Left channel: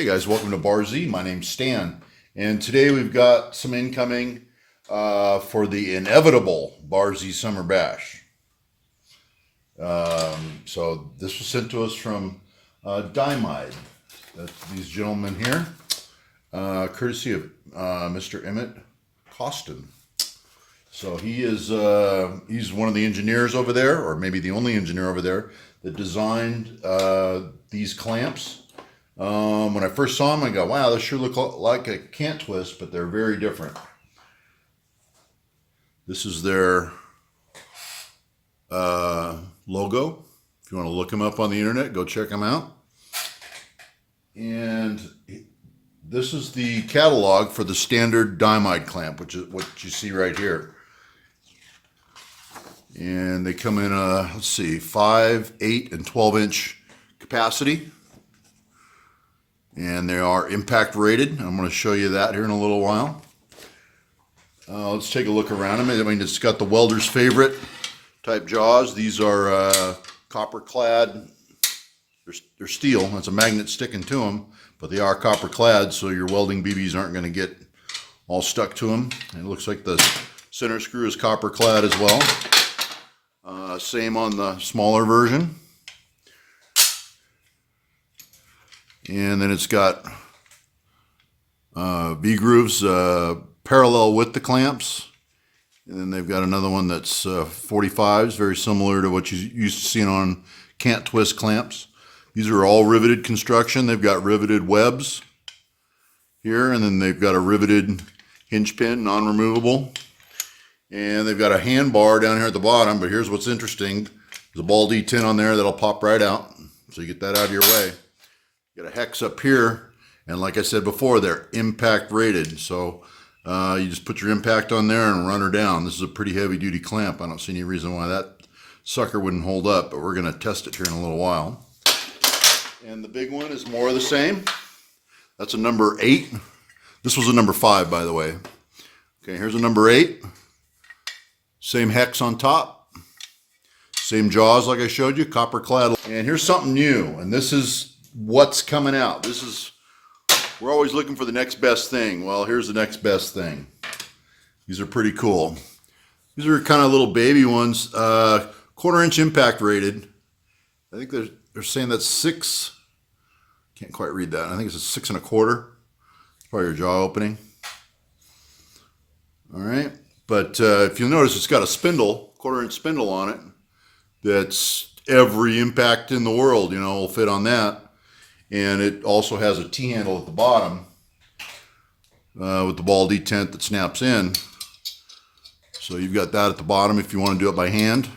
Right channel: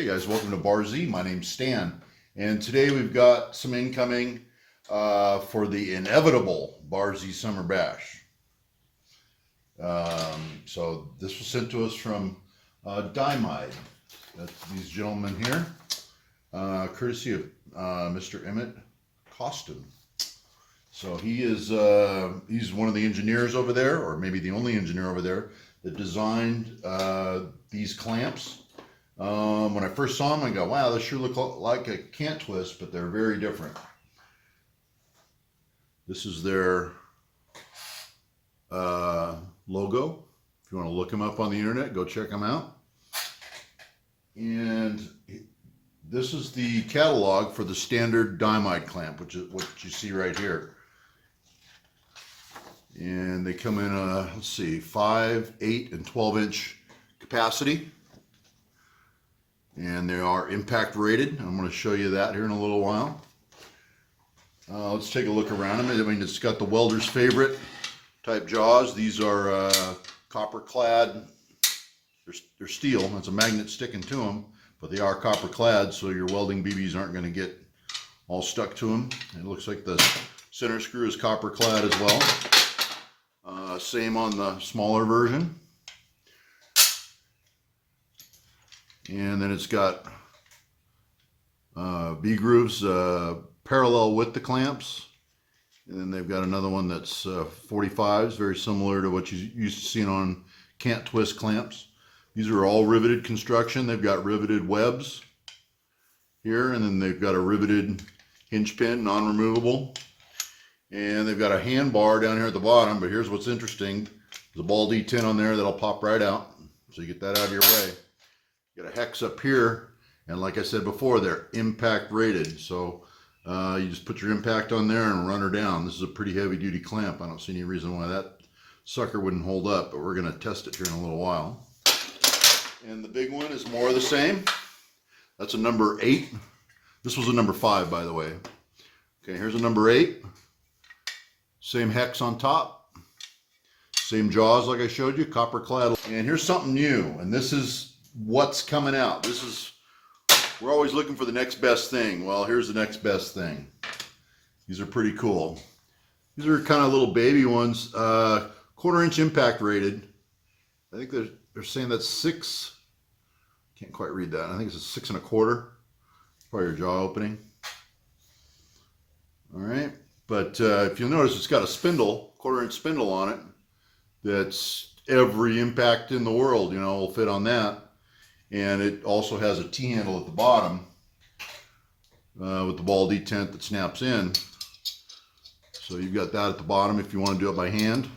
Hey guys, welcome to Bar Z. My name's Stan, and today we've got some incoming for the inevitable Bar Z Summer Bash. So this was sent to us from Dynamite. That's these gentlemen here, courtesy of Mr. Emmett Costin. So he's one of the engineers over there, or maybe the only engineer over there that designed these clamps. When I first saw them, I go, wow, they sure look like a cant twist, but they're very different. This is their logo. If you want to look them up on the internet, go check them out. And this is the catalog for the standard Dimide clamp, which is what you see right here. And they come in, let's see, 5, 8, and 12-inch capacity. And they are impact rated. I'm going to show you that here in a little while. Let's take a look around them. I mean, it's got the welder's favorite type jaws. These are copper clad. They're steel. That's a magnet sticking to them, but they are copper clad, so your welding BBs aren't going to get all stuck to them. And it looks like the center screw is copper clad as well. Same on the smaller version. And then it's got V-grooves parallel with the clamps. And then they've got another one that's 45s, very similar to what you used to see on cant twist clamps. These are all riveted construction. They've got riveted webs here, and then they've got a riveted hinge pin, non-removable. And they've got a hand bar down here at the bottom, but here's what's interesting. There's a ball D10 on there that'll pop right out, so you get that out of your way. You got a hex up here, and like I said before, they're impact rated. So you just put your impact on there and run her down. This is a pretty heavy duty clamp. I don't see any reason why that sucker wouldn't hold up, but we're going to test it here in a little while. And the big one is more of the same. That's a number 8. This was a number 5, by the way. Okay, here's a number 8. Same hex on top. Same jaws like I showed you, copper clad. And here's something new, and this is what's coming out. We're always looking for the next best thing. Well, here's the next best thing. These are pretty cool. These are kind of little baby ones, 1/4-inch impact rated. I think they're saying that's 6. Can't quite read that. I think it's a 6 1/4. Probably your jaw opening. All right, but if you'll notice, it's got a spindle, 1/4-inch spindle on it. That's every impact in the world, will fit on that. And it also has a T-handle at the bottom with the ball detent that snaps in. So you've got that at the bottom if you want to do it by hand.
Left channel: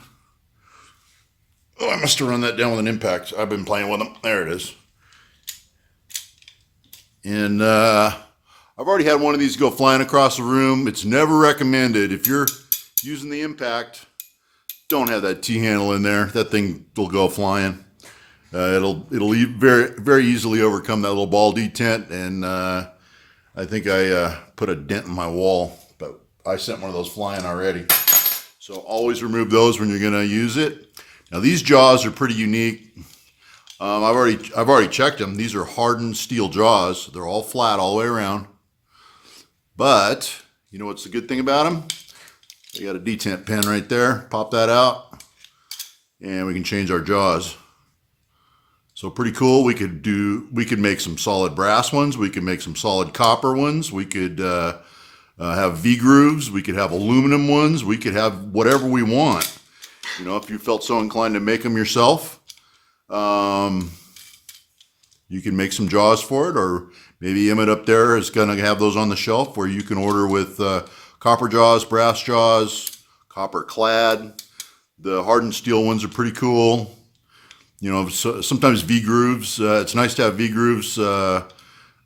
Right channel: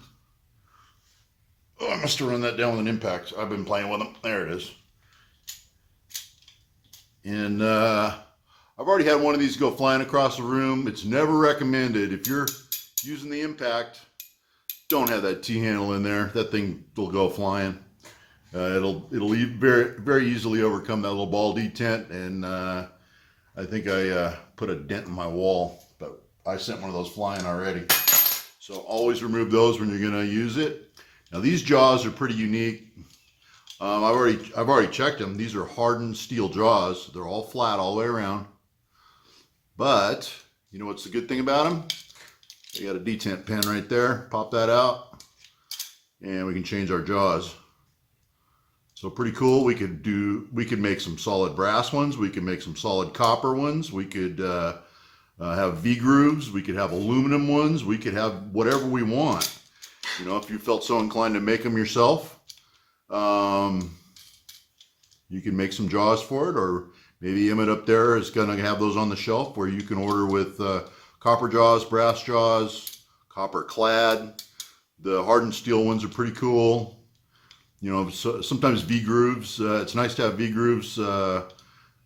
Oh, I must have run that down with an impact. I've been playing with them. There it is. And I've already had one of these go flying across the room. It's never recommended. If you're using the impact, don't have that T-handle in there. That thing will go flying. It'll very, very easily overcome that little ball detent, and I think I put a dent in my wall, but I sent one of those flying already. So always remove those when you're going to use it. Now these jaws are pretty unique. I've already checked them. These are hardened steel jaws. They're all flat all the way around. But you know what's the good thing about them? They got a detent pin right there. Pop that out, and we can change our jaws. So pretty cool. We could make some solid brass ones. We could make some solid copper ones. We could have V-grooves. We could have aluminum ones. We could have whatever we want. If you felt so inclined to make them yourself, you can make some jaws for it, or maybe Emmett up there is going to have those on the shelf where you can order with copper jaws, brass jaws, copper clad. The hardened steel ones are pretty cool. So sometimes V-grooves, it's nice to have V-grooves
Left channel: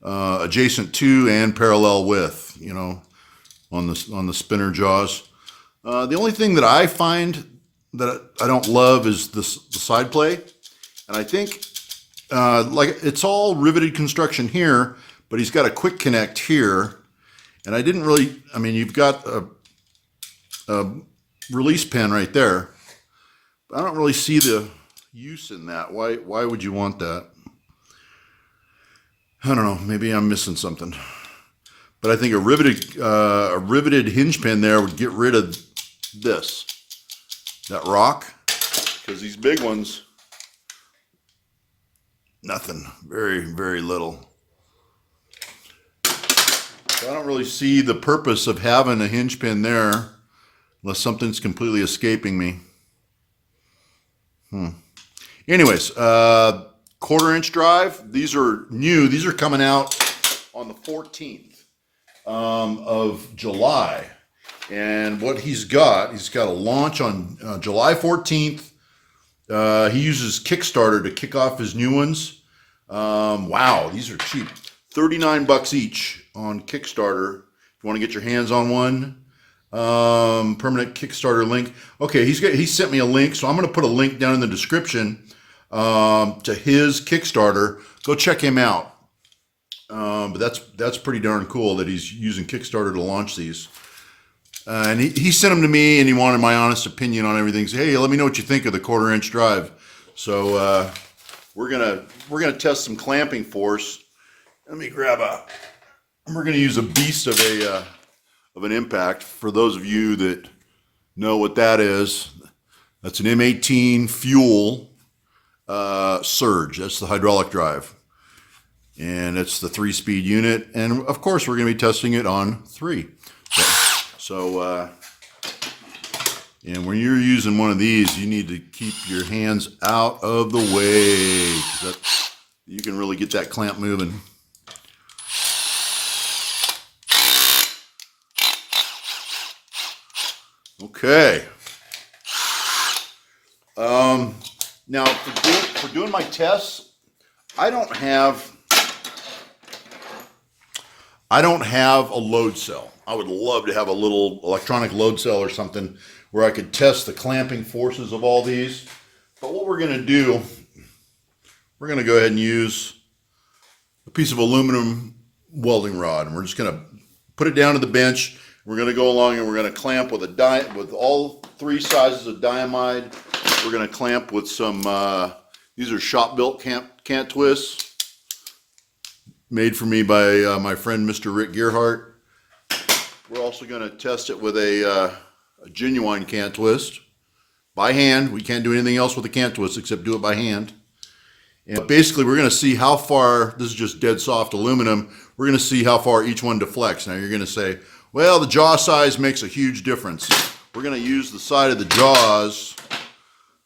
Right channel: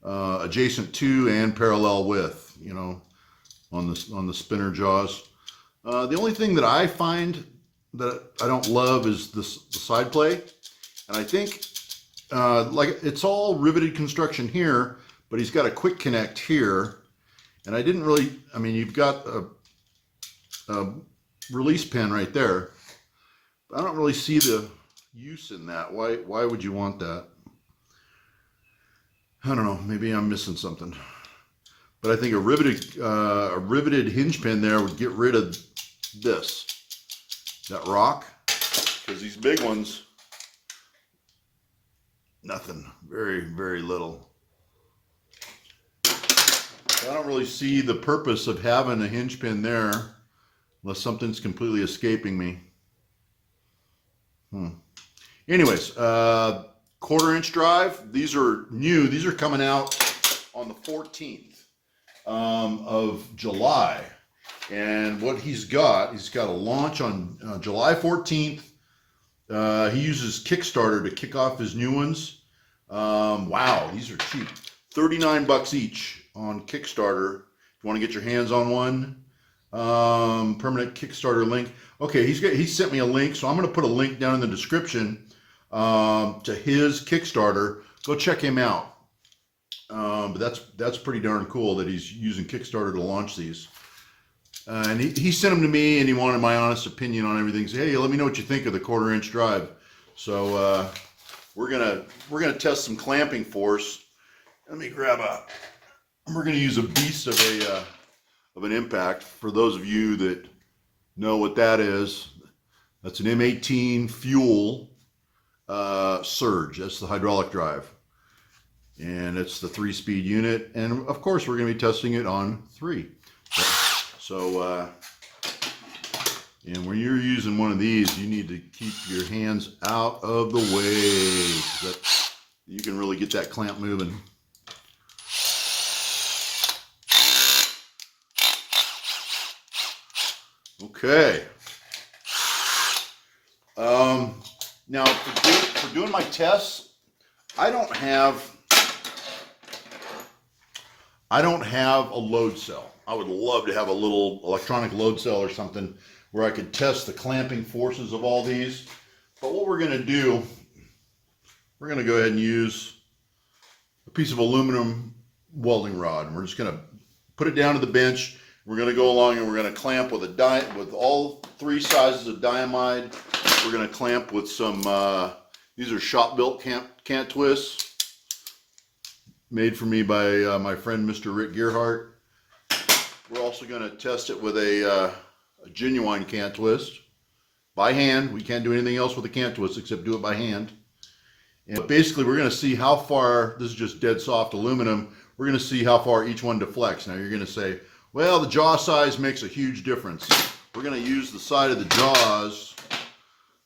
adjacent to and parallel with, on the spinner jaws. The only thing that I find that I don't love is the side play. And I think, it's all riveted construction here, but he's got a quick connect here. And I didn't really, you've got a release pin right there. I don't really see the use in that. Why would you want that? I don't know, maybe I'm missing something. But I think a riveted hinge pin there would get rid of this, that rock, because these big ones, nothing, very, very little. So I don't really see the purpose of having a hinge pin there unless something's completely escaping me. Anyways, 1/4-inch drive. These are new. These are coming out on the 14th of July. And what he's got a launch on July 14th. He uses Kickstarter to kick off his new ones. Wow, these are cheap. $39 each on Kickstarter. If you want to get your hands on one. Permanent Kickstarter link. Okay, he sent me a link, so I'm going to put a link down in the description to his Kickstarter. Go check him out. But that's pretty darn cool that he's using Kickstarter to launch these. And he sent them to me, and he wanted my honest opinion on everything. He said, hey, let me know what you think of the 1/4-inch drive. So we're gonna test some clamping force. Let me grab we're gonna use a beast of an impact. For those of you that know what that is, that's an M18 fuel surge. That's the hydraulic drive. And it's the 3-speed unit. And of course, we're gonna be testing it on 3. So, and when you're using one of these, you need to keep your hands out of the way. You can really get that clamp moving. Okay. Now for doing my tests, I don't have a load cell. I would love to have a little electronic load cell or something where I could test the clamping forces of all these. But what we're going to do, we're going to go ahead and use a piece of aluminum welding rod. And we're just going to put it down to the bench. We're going to go along and we're going to clamp with all 3 sizes of Dynamite. We're going to clamp with some, these are shop-built cant twists made for me by my friend Mr. Rick Gearhart. We're also going to test it with a genuine cant twist by hand. We can't do anything else with the cant twist except do it by hand. And basically, we're going to see how far, this is just dead soft aluminum, we're going to see how far each one deflects. Now you're going to say, well, the jaw size makes a huge difference. We're going to use the side of the jaws,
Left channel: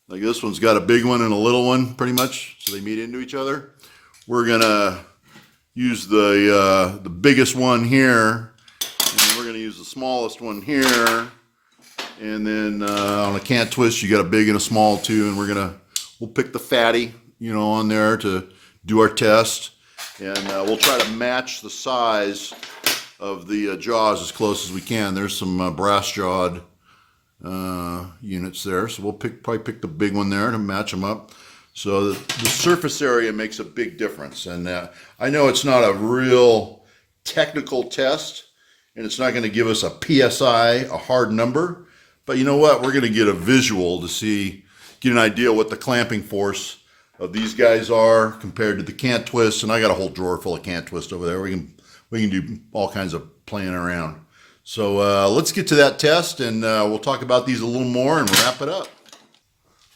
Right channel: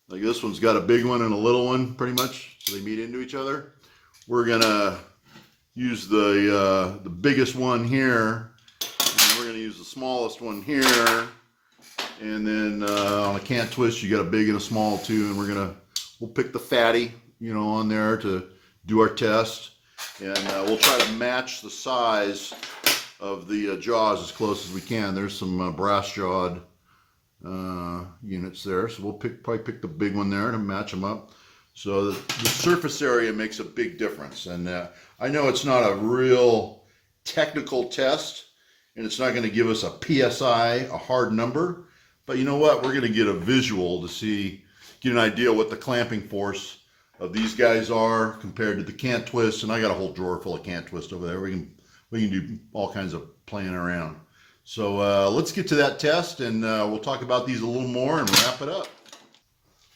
like this one's got a big one and a little one pretty much, so they meet into each other. We're going to use the biggest one here. We're going to use the smallest one here, and then on a cant twist you got a big and a small too, and we'll pick the fatty, on there to do our test, and we'll try to match the size of the jaws as close as we can. There's some brass jawed units there, so we'll probably pick the big one there to match them up. So the surface area makes a big difference, and I know it's not a real technical test. And it's not going to give us a PSI, a hard number. But you know what? We're going to get a visual to get an idea what the clamping force of these guys are compared to the cant twists. And I got a whole drawer full of cant twists over there. We can do all kinds of playing around. So let's get to that test, and we'll talk about these a little more and wrap it up.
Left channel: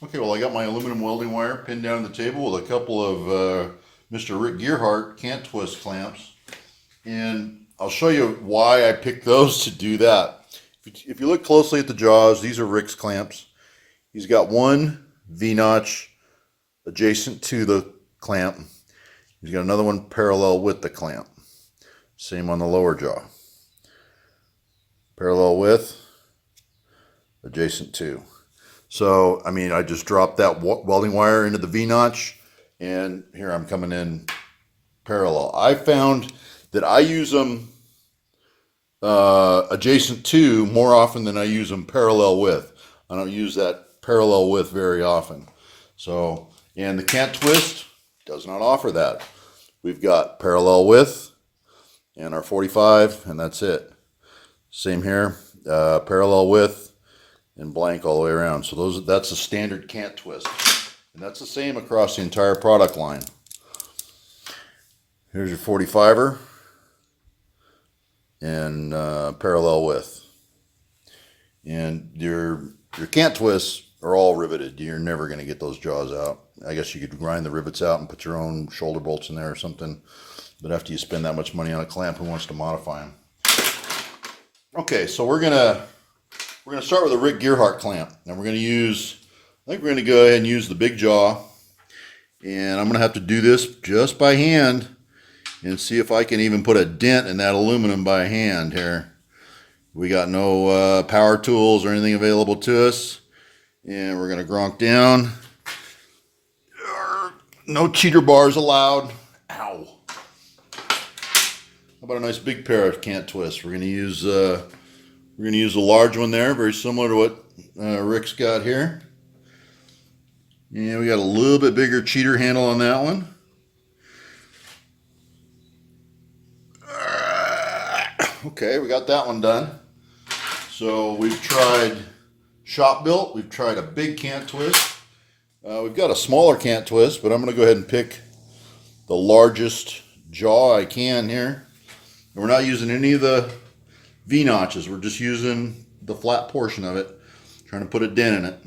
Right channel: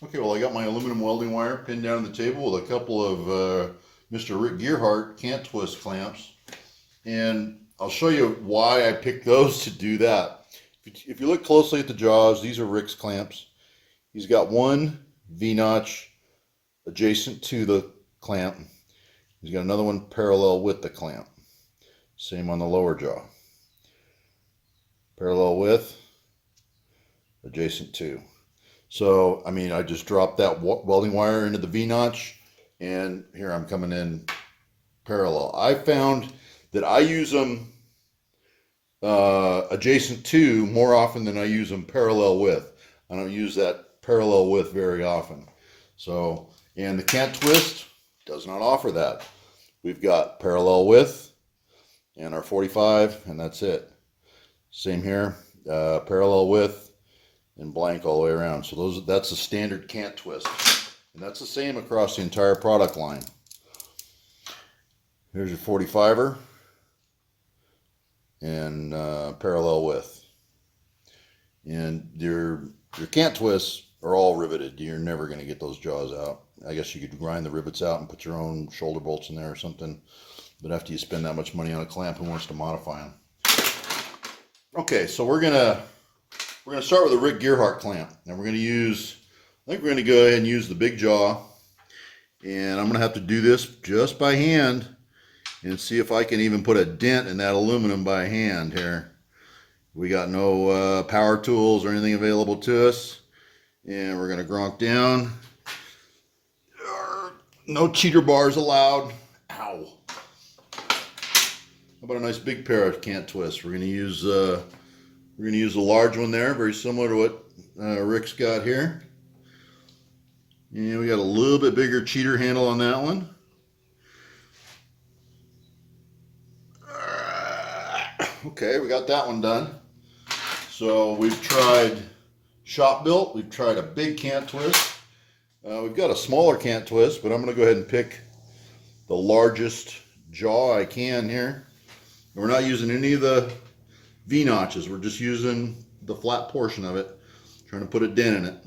Okay, well, I got my aluminum welding wire pinned down on the table with a couple of Mr. Rick Gearhart cant twist clamps. And I'll show you why I picked those to do that. If you look closely at the jaws, these are Rick's clamps. He's got one V-notch adjacent to the clamp. He's got another one parallel with the clamp. Same on the lower jaw. Parallel with, adjacent to. So, I just dropped that welding wire into the V-notch, and here I'm coming in parallel. I found that I use them adjacent to more often than I use them parallel with. I don't use that parallel with very often. So, and the cant twist does not offer that. We've got parallel with and our 45, and that's it. Same here, parallel with and blank all the way around. So that's the standard cant twist. And that's the same across the entire product line. Here's your 45er and parallel width. And your cant twists are all riveted. You're never going to get those jaws out. I guess you could grind the rivets out and put your own shoulder bolts in there or something. But after you spend that much money on a clamp, who wants to modify them? Okay, so we're gonna start with a Rick Gearhart clamp, and we're gonna use. I think we're gonna go ahead and use the big jaw, and I'm gonna have to do this just by hand, and see if I can even put a dent in that aluminum by hand here. We got no power tools or anything available to us, and we're gonna gronk down. No cheater bars allowed. Ow. How about a nice big pair of cant twists? We're gonna use a large one there, very similar to what Rick's got here. And we got a little bit bigger cheater handle on that one. Okay, we got that one done. So we've tried shop built. We've tried a big cant twist. We've got a smaller cant twist, but I'm going to go ahead and pick the largest jaw I can here. And we're not using any of the V notches. We're just using the flat portion of it, trying to put a dent in it.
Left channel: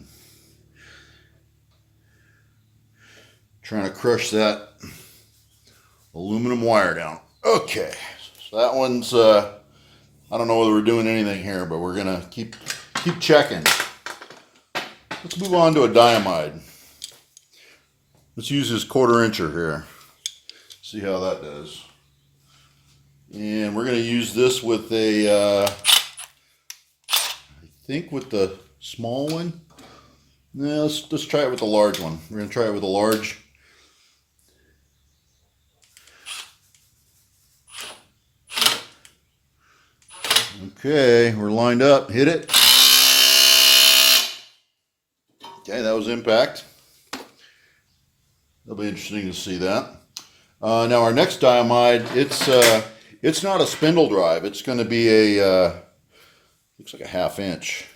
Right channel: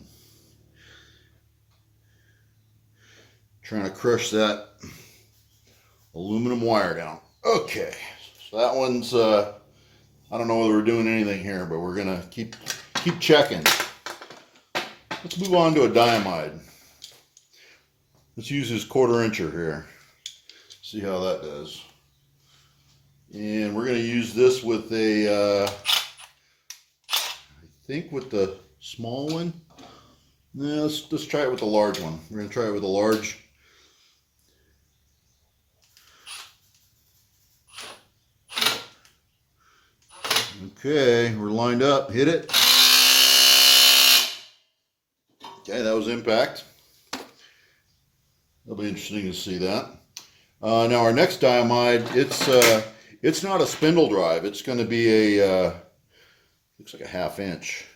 Trying to crush that aluminum wire down. Okay, so that one's, I don't know whether we're doing anything here, but we're going to keep checking. Let's move on to a Dynamite. Let's use this 1/4 incher here. See how that does. And we're going to use this with a, I think with the small one. No, let's try it with the large one. We're going to try it with a large. Okay, we're lined up. Hit it. Okay, that was impact. It'll be interesting to see that. Now our next Dynamite, it's not a spindle drive. It's going to be a looks like a 1/2 inch.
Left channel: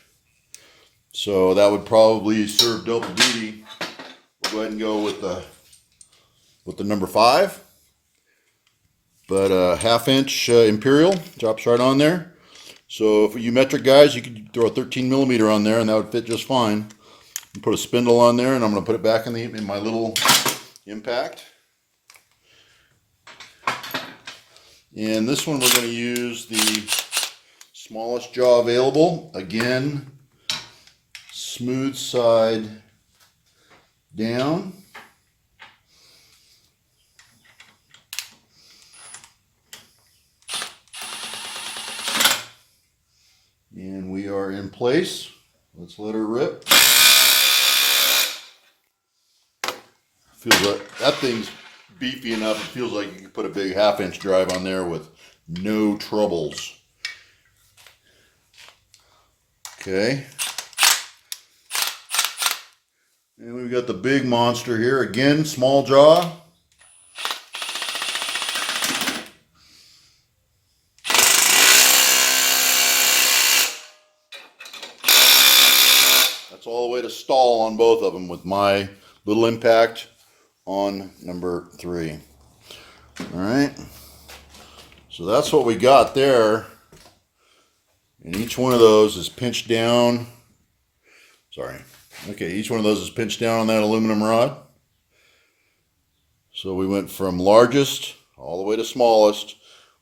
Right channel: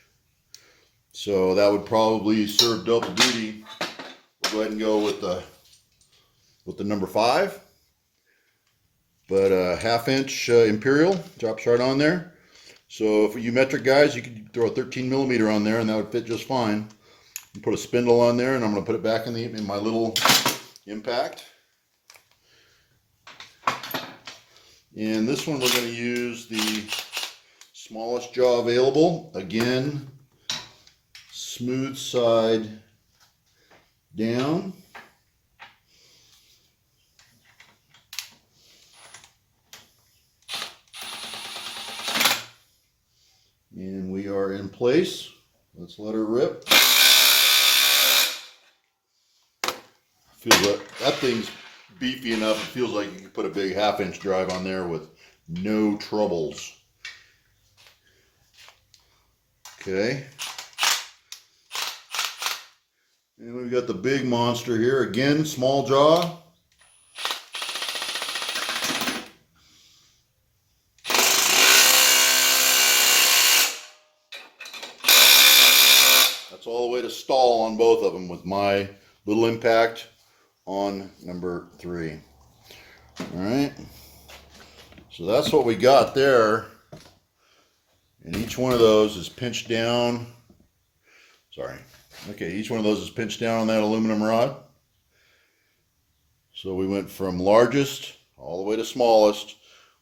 So that would probably serve double duty. We'll go ahead and go with the number 5. But a 1/2 inch Imperial drops right on there. So for you metric guys, you could throw a 13mm on there, and that would fit just fine. And put a spindle on there, and I'm going to put it back in my little impact. And this one we're going to use the smallest jaw available. Again, smooth side down. And we are in place. Let's let her rip. Feels like that thing's beefy enough. It feels like you can put a big 1/2 inch drive on there with no troubles. Okay. And we've got the big monster here. Again, small jaw. That's all the way to stall on both of them with my little impact on number 3. All right. So that's what we got there. And each one of those is pinched down. Sorry. Okay, each one of those is pinched down on that aluminum rod. So we went from largest all the way to smallest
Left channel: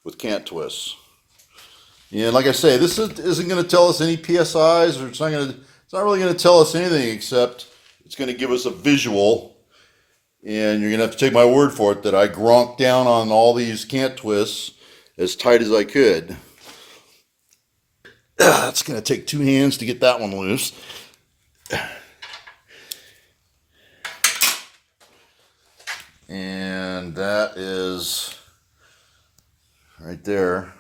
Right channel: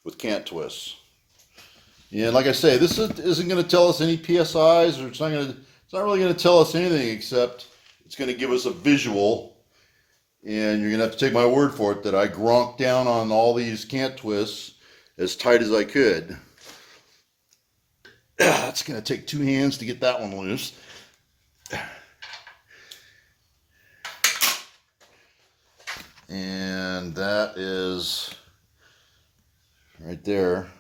with cant twists. And like I say, this isn't going to tell us any PSIs, or it's not really going to tell us anything, except it's going to give us a visual. And you're going to have to take my word for it that I gronked down on all these cant twists as tight as I could. It's going to take 2 hands to get that one loose. And that is right there.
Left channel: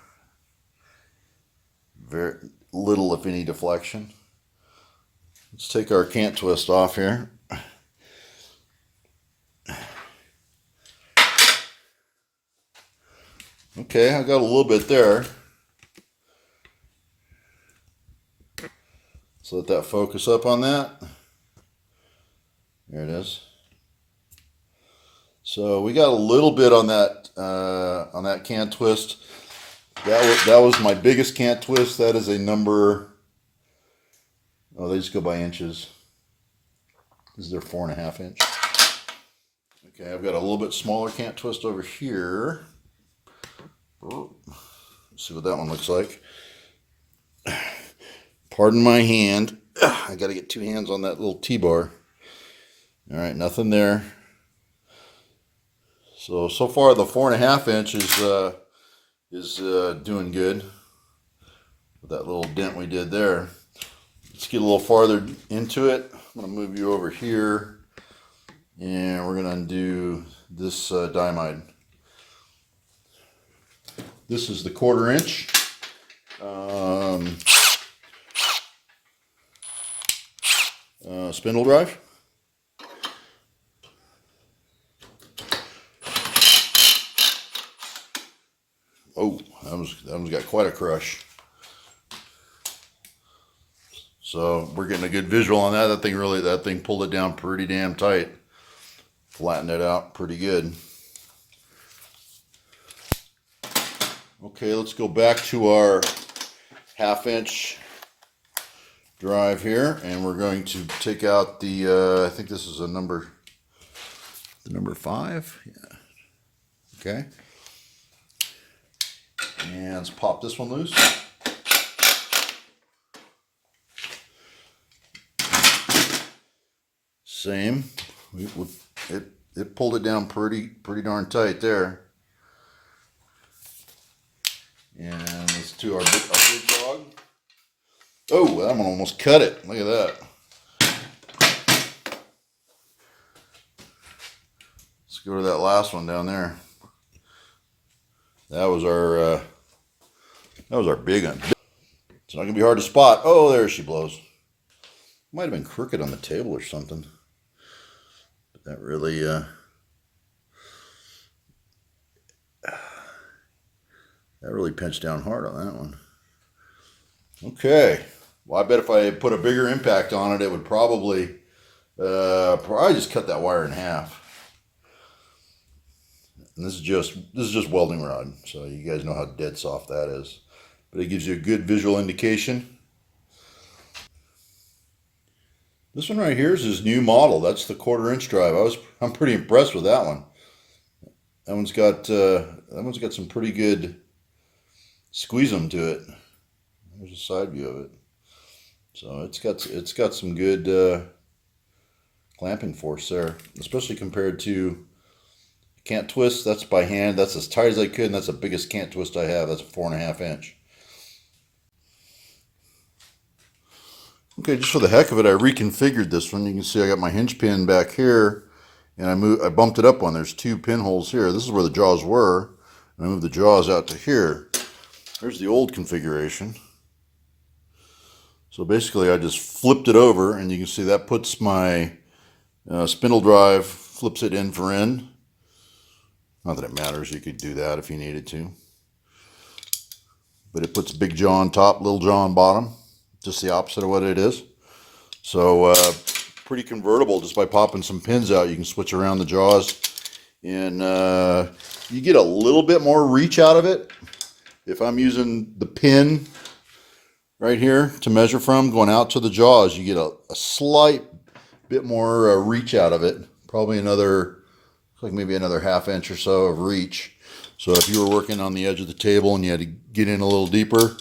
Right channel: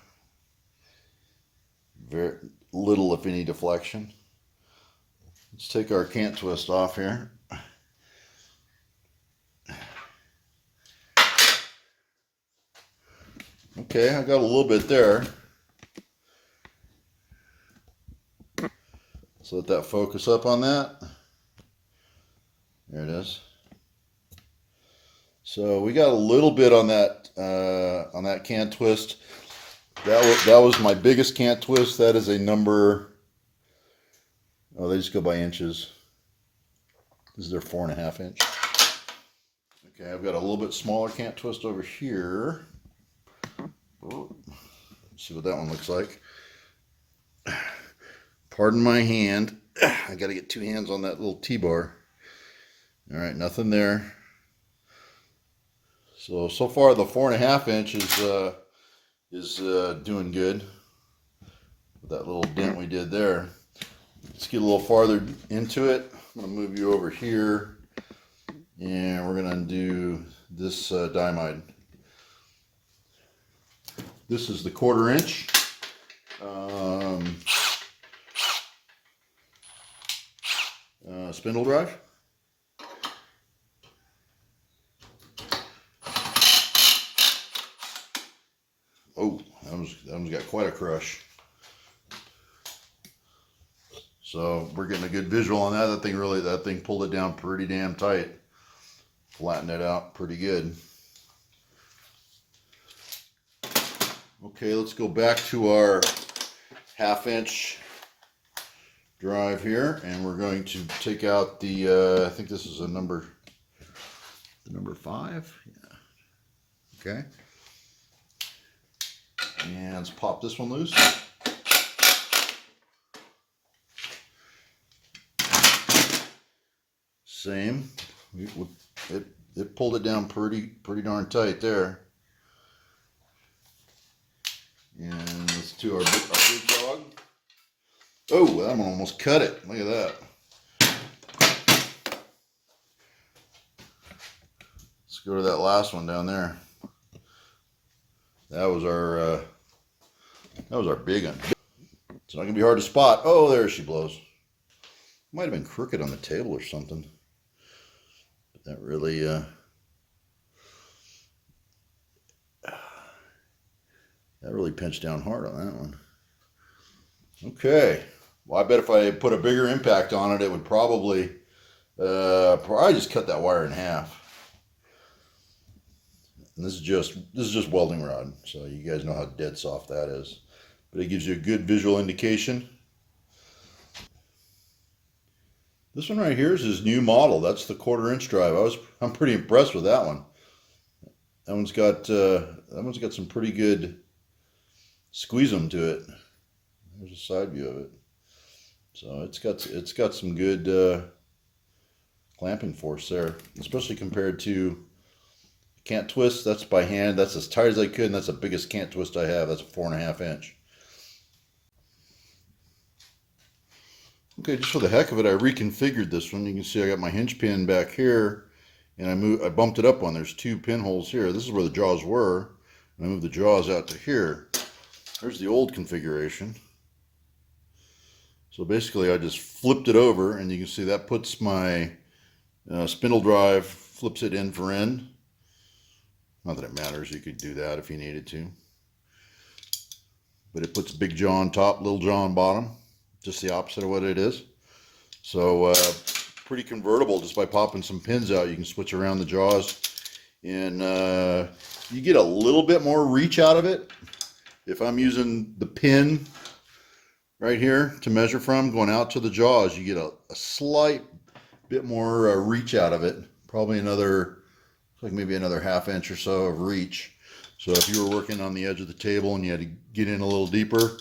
Very little, if any, deflection. Let's take our cant twist off here. Okay, I got a little bit there. So let that focus up on that. There it is. So we got a little bit on that cant twist. That was my biggest cant twist. That is a number. Oh, they just go by inches. This is their 4.5 inch. Okay, I've got a little bit smaller cant twist over here. Let's see what that one looks like. Pardon my hand. I got to get 2 hands on that little T-bar. All right, nothing there. So far the 4.5 inch is doing good with that little dent we did there. Let's get a little farther into it. I'm going to move you over here, and we're going to do this Dimide. This is the 1/4 inch. Spindle drive. Oh, that one's got quite a crush. So we're getting a good visual on that. That thing pulled it down pretty damn tight. Flattened it out pretty good. Okay, let's go back to our 1/2 inch drive here, and we're going to take out the, I think this is the number 5. Yeah. Okay. And let's pop this one loose. Same. It pulled it down pretty darn tight there. And let's do our big dog. Oh, that one almost cut it. Look at that. Let's go to that last one down there. That was our big one. It's not gonna be hard to spot. Oh, there she blows. Might have been crooked on the table or something. But that really pinched down hard on that one. Okay. Well, I bet if I put a bigger impact on it, it would probably just cut that wire in half. And this is just welding rod, so you guys know how dead soft that is. But it gives you a good visual indication. This one right here is his new model. That's the 1/4 inch drive. I'm pretty impressed with that one. That one's got some pretty good squeeze them to it. There's a side view of it. So it's got some good clamping force there, especially compared to cant twist. That's by hand. That's as tight as I could, and that's the biggest cant twist I have. That's a 4.5 inch. Okay, just for the heck of it, I reconfigured this one. You can see I got my hinge pin back here, and I bumped it up one. There's 2 pinholes here. This is where the jaws were, and I moved the jaws out to here. There's the old configuration. So basically I just flipped it over, and you can see that puts my spindle drive, flips it end for end. Not that it matters, you could do that if you needed to. But it puts big jaw on top, little jaw on bottom. Just the opposite of what it is. So pretty convertible. Just by popping some pins out, you can switch around the jaws, and you get a little bit more reach out of it. If I'm using the pin right here to measure from, going out to the jaws, you get a slight bit more reach out of it. Probably maybe another 1/2 inch or so of reach. So if you were working on the edge of the table and you had to get in a little deeper,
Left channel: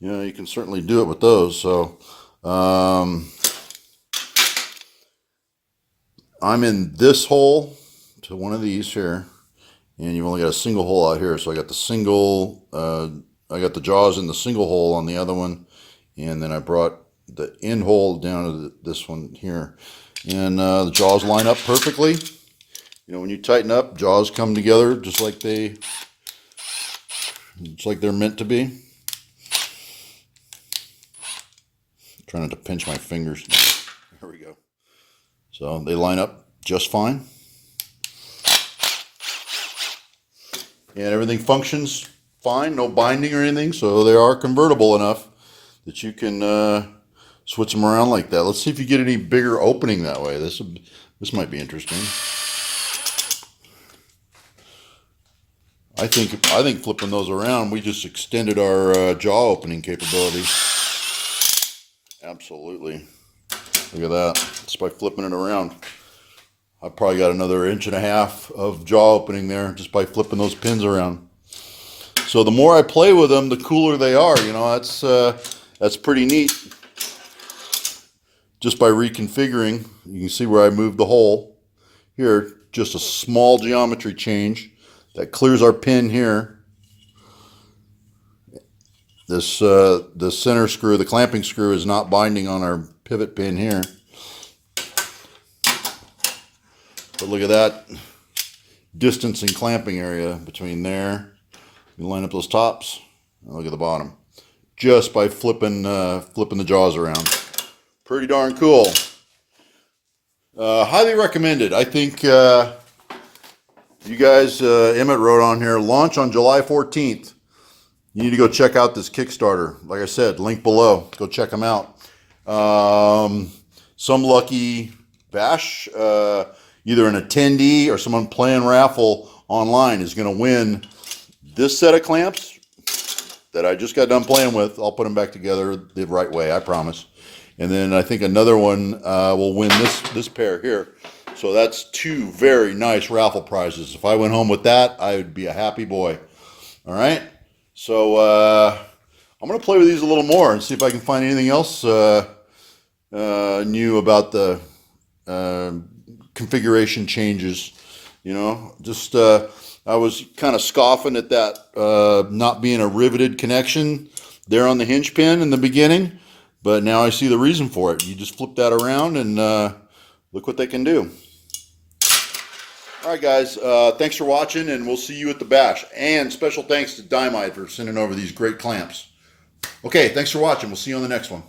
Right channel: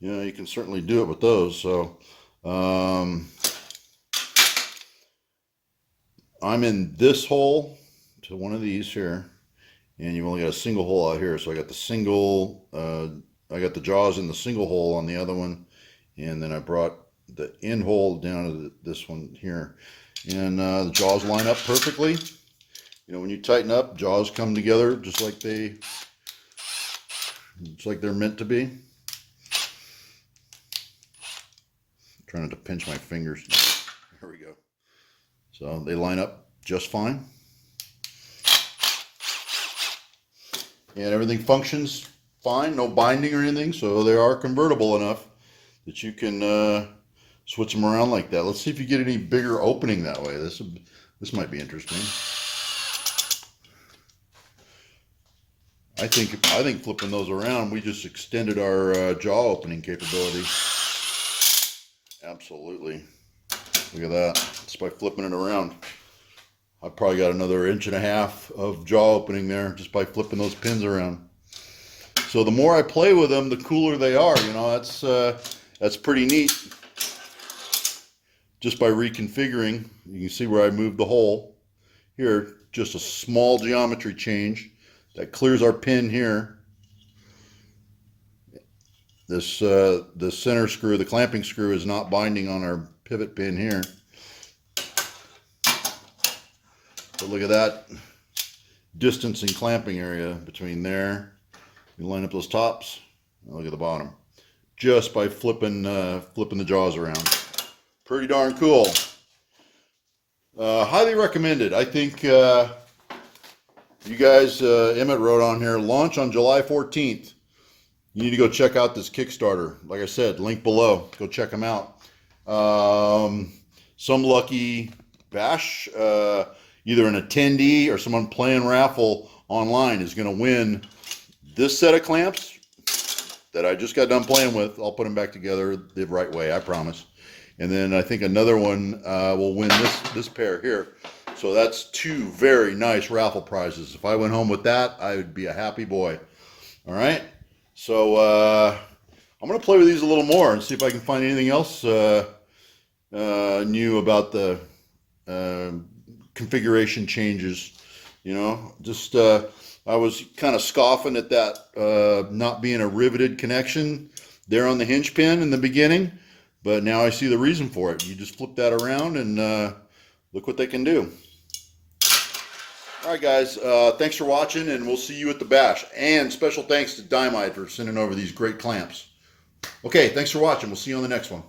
you can certainly do it with those. So I'm in this hole to one of these here, and you've only got a single hole out here. So I got I got the jaws in the single hole on the other one, and then I brought the end hole down to this one here, and the jaws line up perfectly. When you tighten up, jaws come together just like they're meant to be. Trying not to pinch my fingers. There we go. So they line up just fine. And everything functions fine, no binding or anything, so they are convertible enough that you can switch them around like that. Let's see if you get any bigger opening that way. This might be interesting. I think flipping those around, we just extended our jaw opening capability. Absolutely. Look at that. Just by flipping it around. I've probably got another 1.5 inches of jaw opening there just by flipping those pins around. So the more I play with them, the cooler they are. You know, that's pretty neat. Just by reconfiguring, you can see where I moved the hole. Here, just a small geometry change that clears our pin here. This center screw, the clamping screw, is not binding on our pivot pin here. But look at that distance and clamping area between there. You line up those tops, and look at the bottom. Just by flipping the jaws around. Pretty darn cool. Highly recommended. I think you guys, Emmett wrote on here, launch on July 14th. You need to go check out this Kickstarter. Like I said, link below. Go check them out. Some lucky bash, either an attendee or someone playing raffle online is going to win this set of clamps that I just got done playing with. I'll put them back together the right way, I promise. And then I think another one will win this pair here. So that's 2 very nice raffle prizes. If I went home with that, I would be a happy boy. All right. So I'm going to play with these a little more and see if I can find anything else new about the configuration changes. You know, just I was kind of scoffing at that not being a riveted connection there on the hinge pin in the beginning, but now I see the reason for it. You just flip that around and look what they can do. All right, guys, thanks for watching, and we'll see you at the bash. And special thanks to Dynamite for sending over these great clamps. Okay, thanks for watching. We'll see you on the next one.